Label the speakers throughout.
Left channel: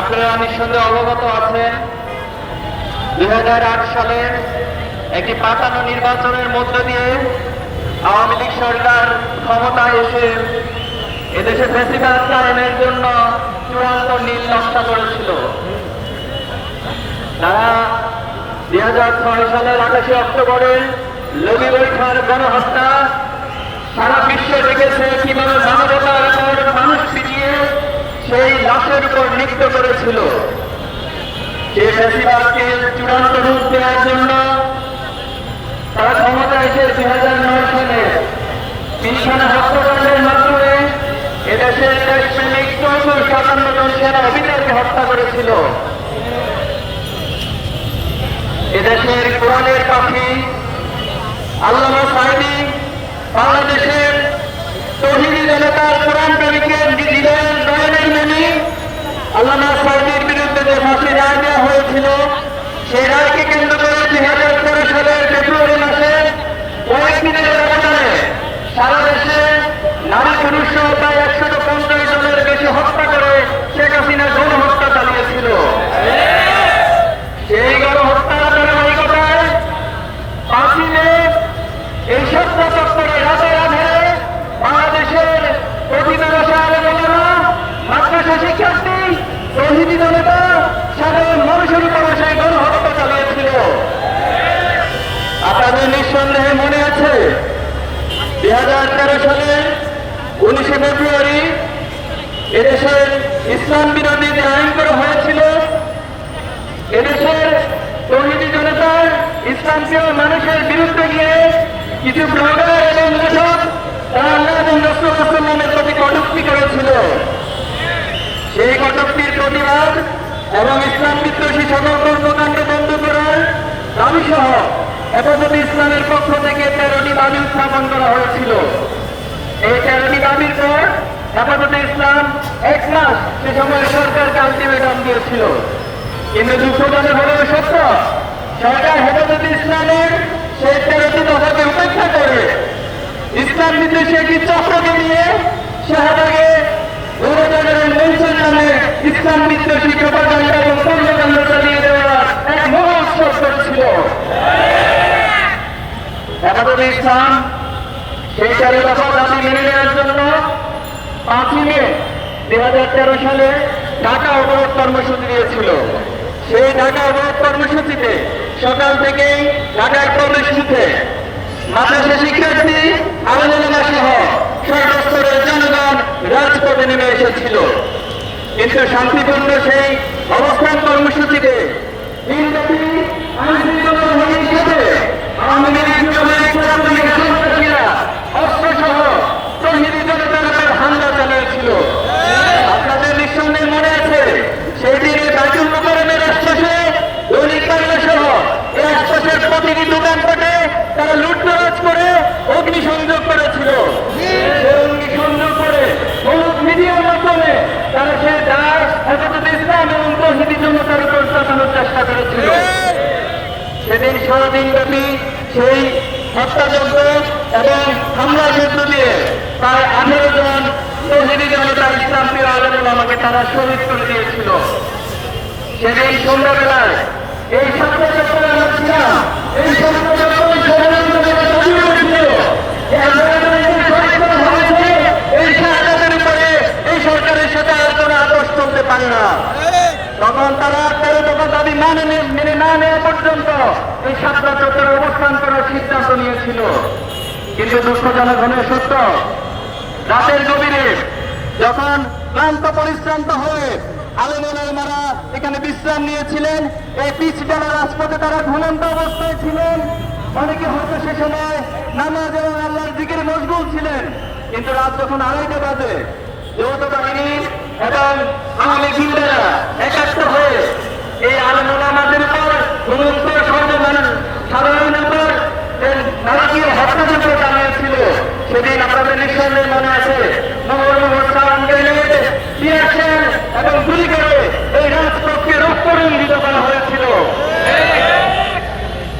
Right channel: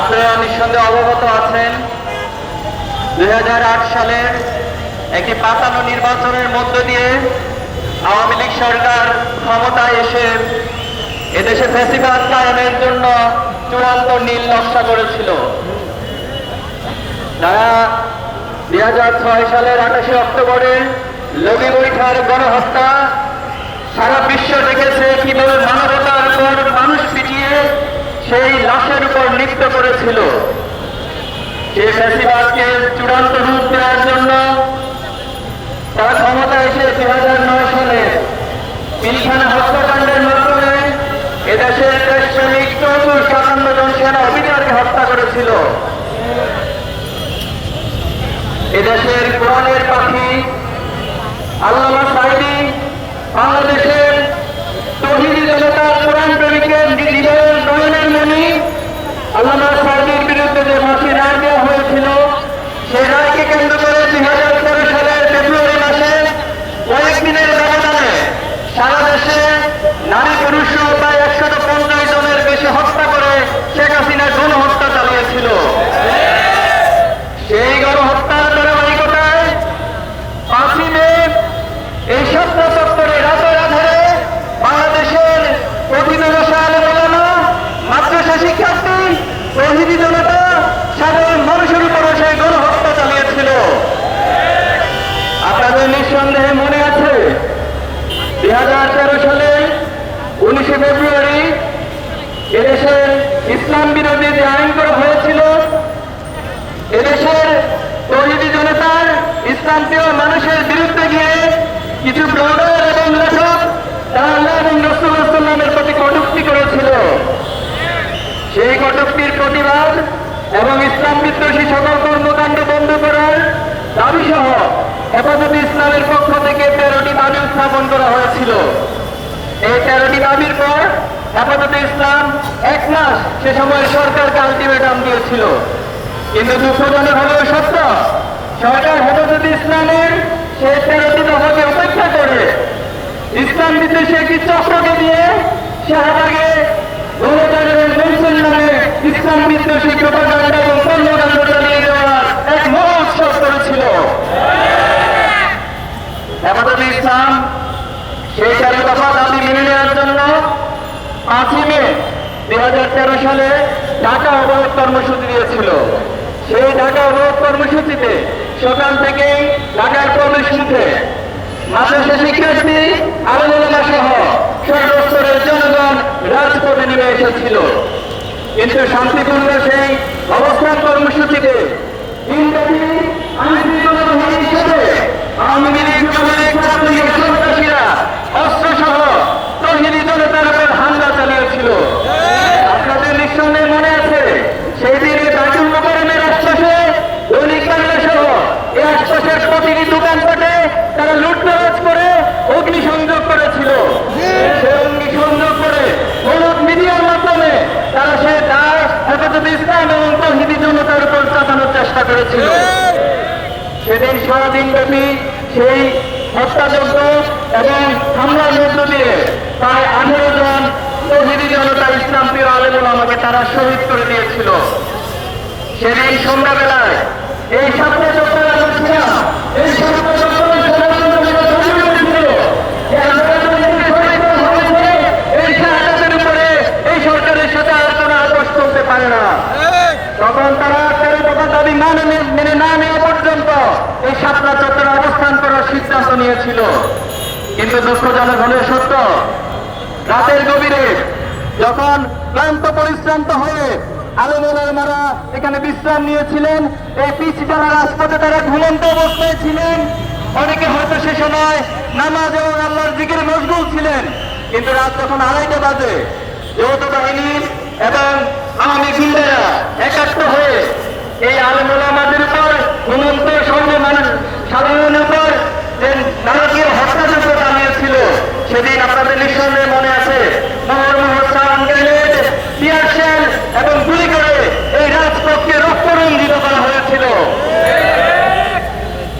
Speaker 1: আপনারা নিঃসন্দেহে অবগত আছেন। দুই সালে একটি পাতানো নির্বাচনের মধ্য দিয়ে আওয়ামী লীগ সরকার ক্ষমতায় এসে এদেশে ফেসিবাদ কায়েমের জন্য চূড়ান্ত নীল নকশা করেছিল। দুই হাজার ছয় সালের আঠাশে অক্টোবরে লগি বৈঠার গণহত্যা সারা বিশ্ব দেখেছে কীভাবে পিটিয়ে সেই লাশের উপর নৃত্য করেছিল। চূড়ান্ত রূপ দেওয়ার জন্য তার ক্ষমতা এসে দু হাজার নয় সালে পিলখানা হত্যাকাণ্ডের মাধ্যমে এদেশের দেশপ্রেমিক চৌদ্দ সাতান্ন জন সেনা অফিসারকে হত্যা করেছিল। এদেশের কোরআনের পাখি আল্লামা সাহেবী বাংলাদেশের তহিদি জনতার কোরআন প্রেমিকের জীবন গ্রহণের নামে আল্লামা সাহেবের বিরুদ্ধে যে ফাঁসি রায় দেওয়া হয়েছিল সেই রায়কে কেন্দ্র করে দুই হাজার তেরো সালের ফেব্রুয়ারি মাসে কয়েকদিনের ব্যবধানে সারা দেশে নারী পুরুষ সহ প্রায় একশত পঞ্চাশ জনের বেশি হত্যা করে শেখ হাসিনা গণহত্যা চালিয়েছিল সেই গণহত্যার ধারাবাহিকতায় পাঁচই মে এই স্বপ্ন চত্বরে রাতের আধারে বাংলাদেশের প্রতিদিবসে আলোচনা মাদ্রাসা শিক্ষার্থী প্রভৃতি জনতা সাধারণ মানুষের উপরে সেই গণহত্যা চালিয়েছিল আপনাদের নিঃসন্দেহে মনে আছে দুই হাজার তেরো সালে উনিশে ফেব্রুয়ারি এদেশে ইসলাম বিরোধী যে আইন করা হয়েছিল, এদেশের তহিদি জনতার ইসলাম প্রিয় মানুষের বিরুদ্ধে গিয়ে কিছু ব্লগার এবং লেখক তারা প্রতি কটুক্তি করেছিল। সেই কটুক্তির প্রতিবাদ এবং ইসলাম বিদ্বেষী সকল কর্মকাণ্ড বন্ধ করার দাবি সহ ইসলামের পক্ষ থেকে তেরোটি দাবি স্থাপন করা হয়েছিল। এই তেরোটি দাবির পর হেফাজত ইসলাম এক মাস সে সময় সরকারকে আলটিমেটাম দিয়েছিল। কিন্তু দুঃখজনক হলো সত্য, সরকার হেফাজত ইসলামের সেই তেরোটি দফাকে করে। ইসলাম চক্রকে নিয়ে শাহবাগে গণতন্ত্রের মৌসুম নামে ইসলাম বিদ্বেষী এবং কর্মকাণ্ড চালিয়ে দেওয়া এক মহা উৎসব করেছিল হেফাজত ইসলাম সেই তেরো দফা দাবি মেনে নেওয়ার জন্য পাঁচই মে দুই হাজার তেরো সালে ঢাকা অবরোধ কর্মসূচি দিয়েছিল সেই ঢাকা অবরোধ কর্মসূচিতে সকাল থেকেই ঢাকার কর্মসূচিতে মাদ্রাসা শিক্ষার্থী আলোচনা সহ সর্বস্তরের জনগণ রাজপথে নেমে এসেছিল। কিন্তু শান্তিপূর্ণ সেই অবস্থান কর্মসূচিতে দিনব্যাপী আইনশৃঙ্খলা বাহিনীর সাথে আওয়ামী লীগ যুবলীগ ছাত্রলীগের সন্ত্রাসীরা অস্ত্রসহ তহিদি জনতার উপর হামলা চালিয়েছিল আপনাদের নিঃসন্দেহে মনে আছে সেই দিনে বাইতুল মোকারমের আশপাশে দৈনিক বাংলা সহ এই আশপাশের প্রতিটি দোকানপাটে তারা লুটতরাজ করে অগ্নিসংযোগ করেছিল সেই অগ্নিসংযোগ করে হলুদ মিডিয়ার মাধ্যমে তারা সে দাস হেফাজত ইসলাম এবং তহিদি জনতার উপর চাপানোর চেষ্টা করেছিল সেদিন সারাদিন ব্যাপী সেই হত্যাযজ্ঞ এবং হামলার মধ্য দিয়ে প্রায় আঠেরো জন তহিদি জনতা ইসলাম প্রিয় আলেম আমাকে তারা শহীদ করে দিয়েছিল। সেদিন সন্ধ্যাবেলায় এই সামনে যখন আমরা ছিলাম এই সামনে যখন ষড়যন্ত্র যারা তৈরি করেছিল, এই আন্দোলনের যে শহীদ করা হয়েছে, এই শাহাদাতের উপরে এই সরকারের সাথে আলোচনা আদর্শ করতে পারে না তখন তারা তেরো দফা দাবি না মেনে মেনে না নেওয়া পর্যন্ত এই সাতটা চত্বরে অবস্থান করার সিদ্ধান্ত নিয়েছিল। কিন্তু দুঃখজনক হলে সত্য, রাতের গভীরে যখন ক্লান্ত, পরিশ্রান্ত হয়ে আলোচনার মারা এখানে বিশ্রাম নিয়েছিলেন, এই পিচ বেলা রাজপথে তারা ঘুমন্ত অবস্থায় ছিলেন। অনেকে হয়তো সে সময় নামাজ এবং আল্লাহর দিকের মশগুল ছিলেন, কিন্তু রাত তখন আড়াইটা বাজে। যৌথ বাহিনী এবং আওয়ামী ফিল্ডেরা একাত্ম হয়ে এই আলমুল আমাদের উপর ঘুমন্ত সর্ব মানুষ সাধারণ উপর যে নারকীয় হত্যাযজ্ঞ চালিয়েছিল সেদিন আপনাদের নিঃসন্দেহে মনে আছে, মোহর মোহর এবং গুলি করে এই রাজপথকে রক্তরঞ্জিত করা হয়েছিল।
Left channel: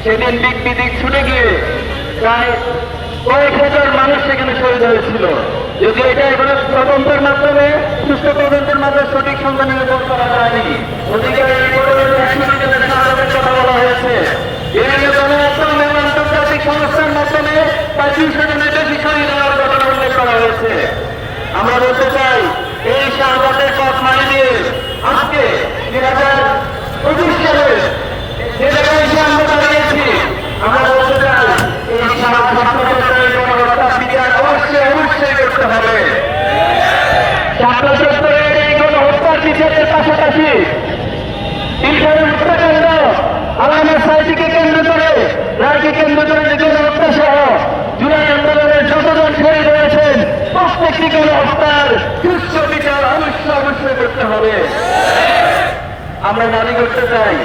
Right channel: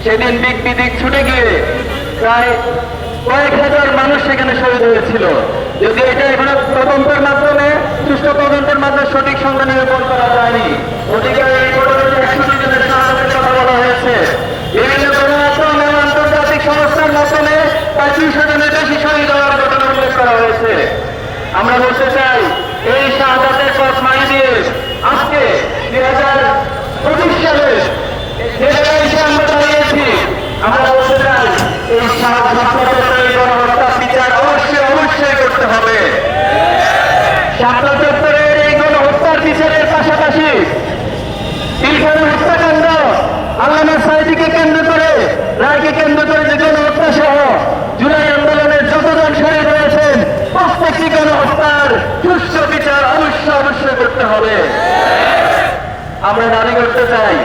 Speaker 1: সেদিন দিক বিদিক ছুটে গিয়ে প্রায় কয়েক হাজার মানুষ সেখানে শহীদ হয়েছিল। যদি এটা এগুলো তদন্তের মাধ্যমে, সুষ্ঠু তদন্তের মাধ্যমে সঠিক সংখ্যা নিরূপণ করা যায়নি কেন্দ্র করে যেগুলো হত্যা সহ জুলাই আন্দোলনের যতজন শহীদ প্রত্যেকটি সুস্থ বিচার অবশ্যই করতে হবে। আমরা দাবি করতে চাই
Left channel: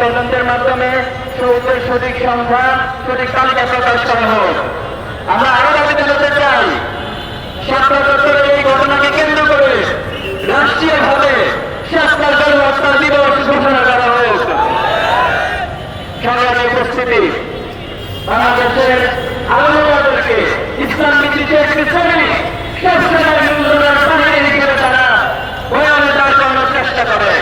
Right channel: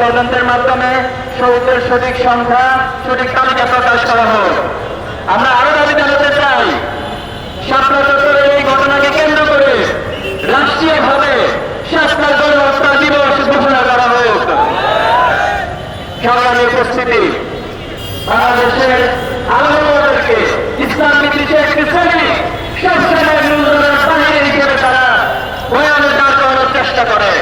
Speaker 1: তদন্তের মাধ্যমে সৌকের সঠিক সংখ্যা, সঠিক তালিকা প্রকাশ করা হোক। বাংলাদেশের আলমাদেরকে ইসলাম করানোর চেষ্টা করে।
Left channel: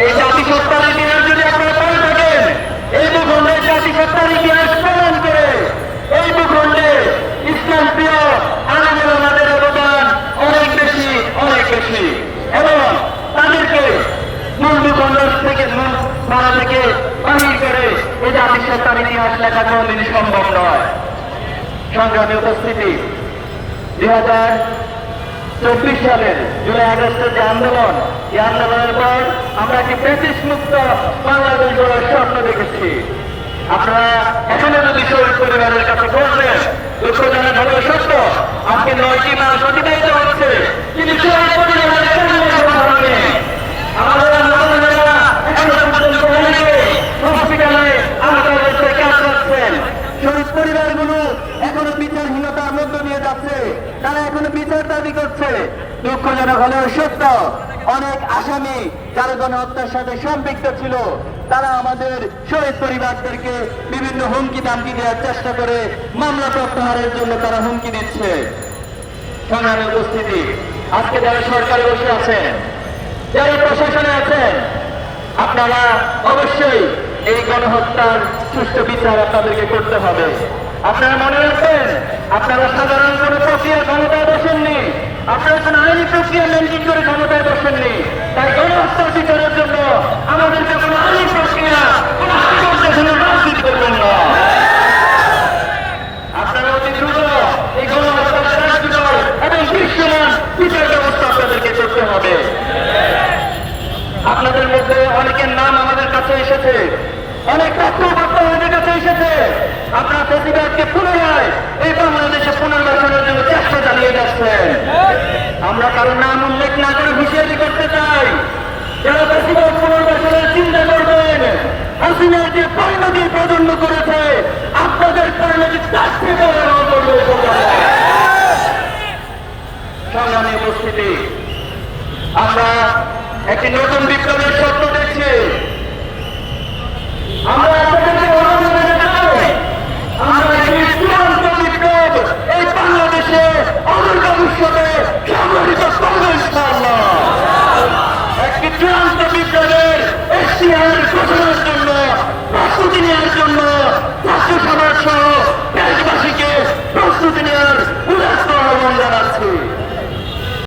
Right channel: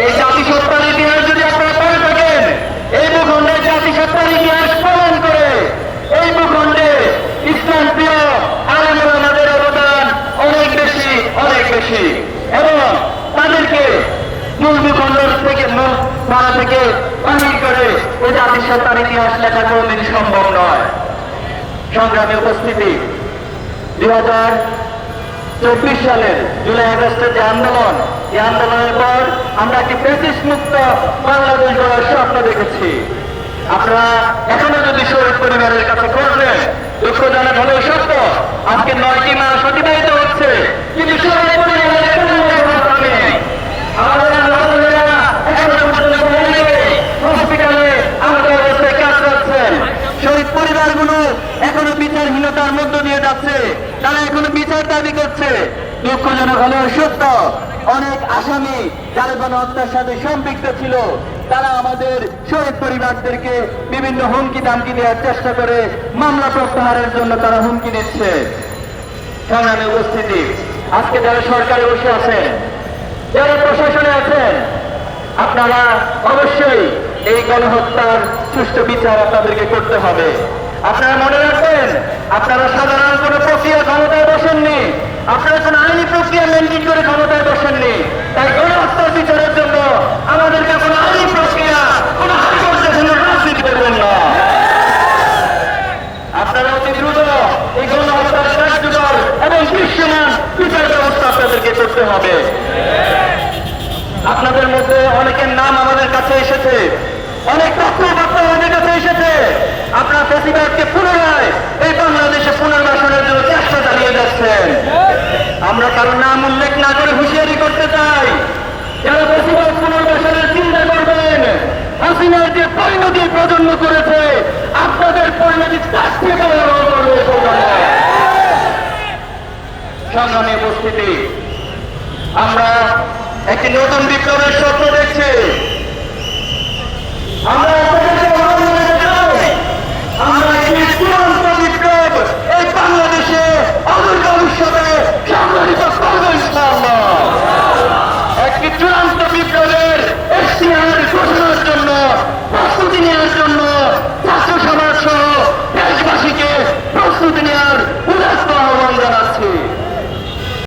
Speaker 1: এই জাতিসত্তার ইতিহাস যদি আপনারা পড়ে থাকেন এই ভূখণ্ডের জাতিসত্তার ইতিহাস প্রমাণ করে এই ভূখণ্ডে ইসলাম প্রিয় আলমাদের অবদান অনেক বেশি অনেক বেশি এবং তাদেরকে মূল ভূখণ্ড থেকে মূল মারা থেকে বাহির করে এই জাতিসত্তার লেখা কোনদিন সম্ভব নয় সংগ্রামী উপস্থিতি দুই হাজার চব্বিশ সালের জুলাই আগস্টের যে আন্দোলন, এই আন্দোলনের পর আমরা একটি মুক্ত বাংলাদেশ গড়ার স্বপ্ন দেখেছি। আপনারা এখনও যদি শহীদ পরিবারের কাছে করবেন দুঃখ জানে ভালো সত্য, আজকে নয়টি মাস অতিবাহিত হচ্ছে। কিন্তু শহীদ পরিবারের কোনো খবর নেই। আমাদের নাগরিকেরা এখনও পর্যন্ত অনেকে হসপিটালে আমাদের অবস্থায় কাজ করছেন শহীদ পরিবারগুলো এখনও বিচারহীনতার মধ্য দিয়ে যাচ্ছে তারা এখনও বিচার দাবি করছে দুঃখজনক হলেও সত্য অনেক আসামি যারা গণহত্যার সাথে সম্পৃক্ত ছিল, তারা আমাদের শহীদ পরিবারদেরকে বিভিন্ন হুমকি দামকি দেওয়ার চেষ্টা করে মামলা প্রত্যাহারের জন্য তারা হুমকি দিচ্ছে। সংগ্রামী উপস্থিতি, আজকে যারা সরকারে বসে আছেন, যারা প্রশাসনে আছেন, আপনারা অবশ্যই এই গণহত্যার সুষ্ঠু বিচার আপনাদেরকে করতে হবে। আপনারা মনে রাখবেন, আপনারা সাধারণ কোনো প্রক্রিয়া ক্ষমতায় বসেননি, আপনারা কোনো আইনি প্রক্রিয়া মেনটেন করে ক্ষমতায় বসেননি। তাই গণহত্যার বিচারের জন্য আমাদের কাছে আইনি প্রক্রিয়া কোনো রাজনীতি করবেন না আপনারা অতি দ্রুত এই গণহত্যার কার্যকর এবং দৃশ্যমান বিচার ব্যবস্থা আপনাদেরকে করতে হবে আপনাদের মধ্যে অনেকের নাম আমাদের কাছে এসেছে অনেক তথ্য বার্তা আমাদের কাছে এসেছে আপনার ফেসিবাদকে পুনরায় এই বাংলাদেশে পুনর্বাসনের চালিয়ে যাচ্ছেন। আমরা কারও নাম উল্লেখ না করে হুঁশিয়ারি করতে চাই। আপনাদের পরিণতি তার থেকে আমরা একটি নতুন বিপ্লবের স্বপ্ন দেখছি।